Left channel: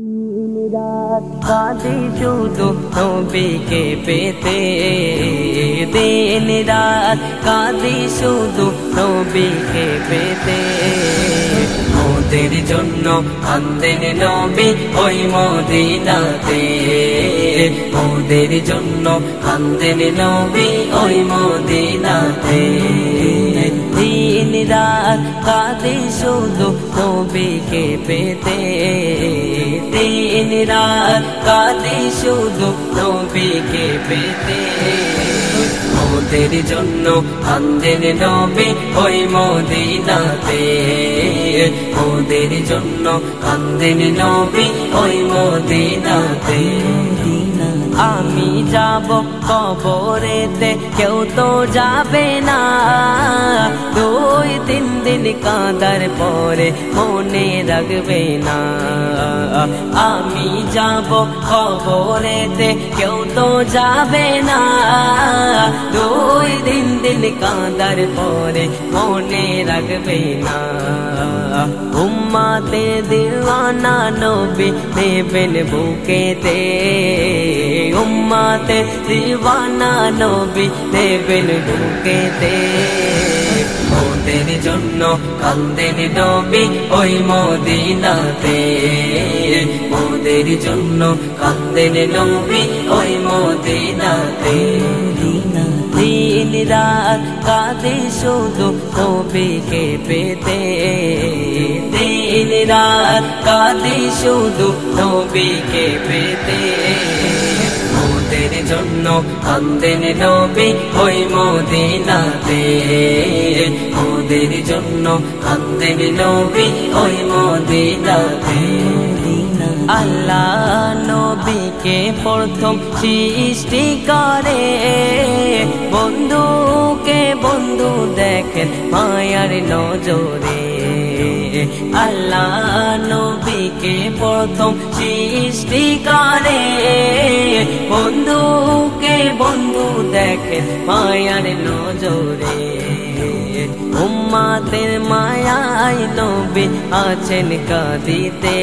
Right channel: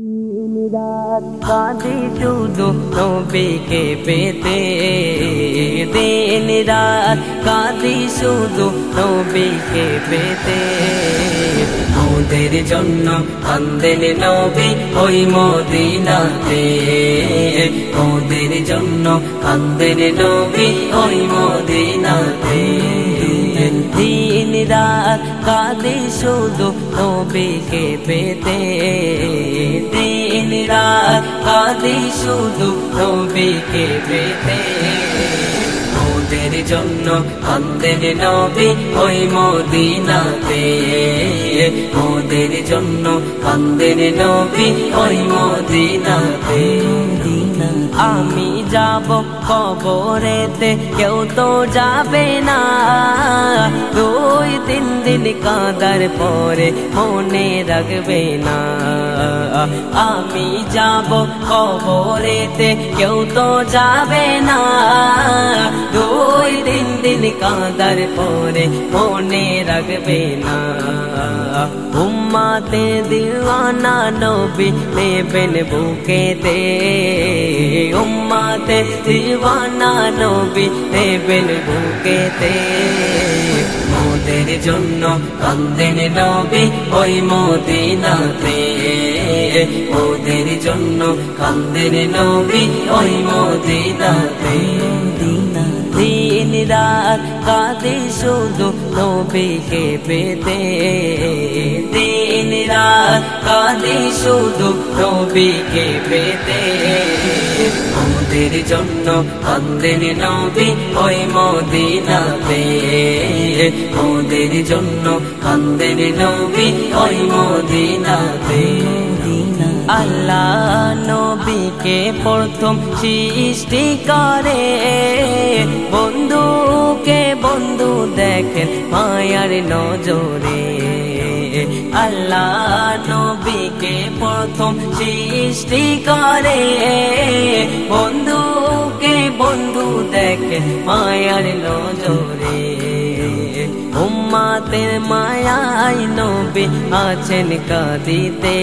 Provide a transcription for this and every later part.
দিন রাত কাঁদি শুধু নবীকে পেতে, দিন রাত কাঁদি শুধু নবীকে পেতে। মোদের জন্য কাঁদেন নবী ওই মদিনাতে, মোদের জন্য কাঁদেন নবী ওই মদিনাতে। দিন রাত কাঁদি শুধু নবীকে পেতে, দিন রাত কাঁদি শুধু নবীকে পেতে। মোদের জন্য কাঁদেন নবী ওই মদিনাতে, মোদের জন্য কাঁদেন নবী ওই মদিনাতে। আমি যাব কবরেতে কেউ তো যাবে না, 2-3 দিন কাঁদার পরে মনে রাখবে না। আমি যাব কবরেতে কেউ তো যাবে না, 2-3 দিন কাঁদার পরে মনে রাখবে না। উম্মতে দিওয়ানা নবী নেবেন বুকেতে, উম্মতে দিওয়ানা নবী নেবেন বুকেতে। মোদের জন্য কাঁদেন নবী ওই মদিনাতে, মোদের জন্য কাঁদেন নবী ওই মদিনাতে। দিন রাত কাঁদি শুধু নবীকে পেতে, দিন রাত কাঁদি শুধু নবীকে পেতে। মোদের জন্য কাঁদেন নবী ওই মদিনাতে, মোদের জন্য কাঁদেন নবী ওই মদিনাতে। আল্লাহ নবীকে প্রথম সৃষ্টি করে, বন্ধুকে বন্ধু দেখেন মায়ার নজরে। আল্লাহ নবীকে প্রথম সৃষ্টি করে, বন্ধুকে বন্ধু দেখেন মায়ার নজরে। উম্মতের মায়ায় নবী আছেন কাঁদিতে,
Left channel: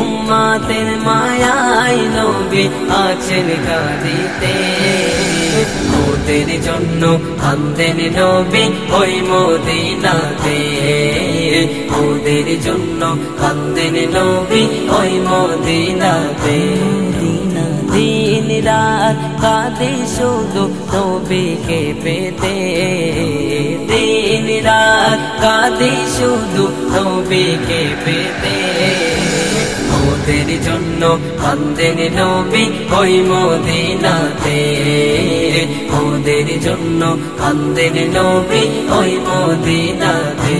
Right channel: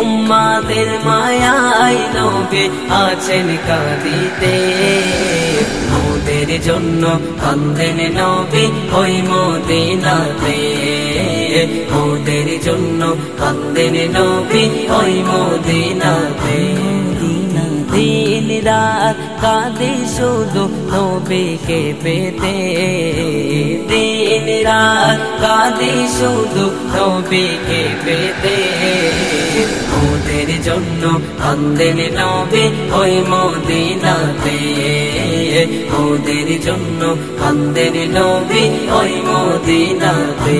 উম্মতের মায়ায় নবী আছেন কাঁদিতে। মোদের জন্য কাঁদেন নবী ওই মদিনাতে, মোদের জন্য কাঁদেন নবী ওই মদিনাতে। দিন রাত কাঁদি শুধু নবীকে পেতে, দিন রাত কাঁদি শুধু নবীকে পেতে। মোদের জন্য কাঁদেন নবী ওই মদিনাতে, মোদের জন্য কাঁদেন নবী ওই মদিনাতে।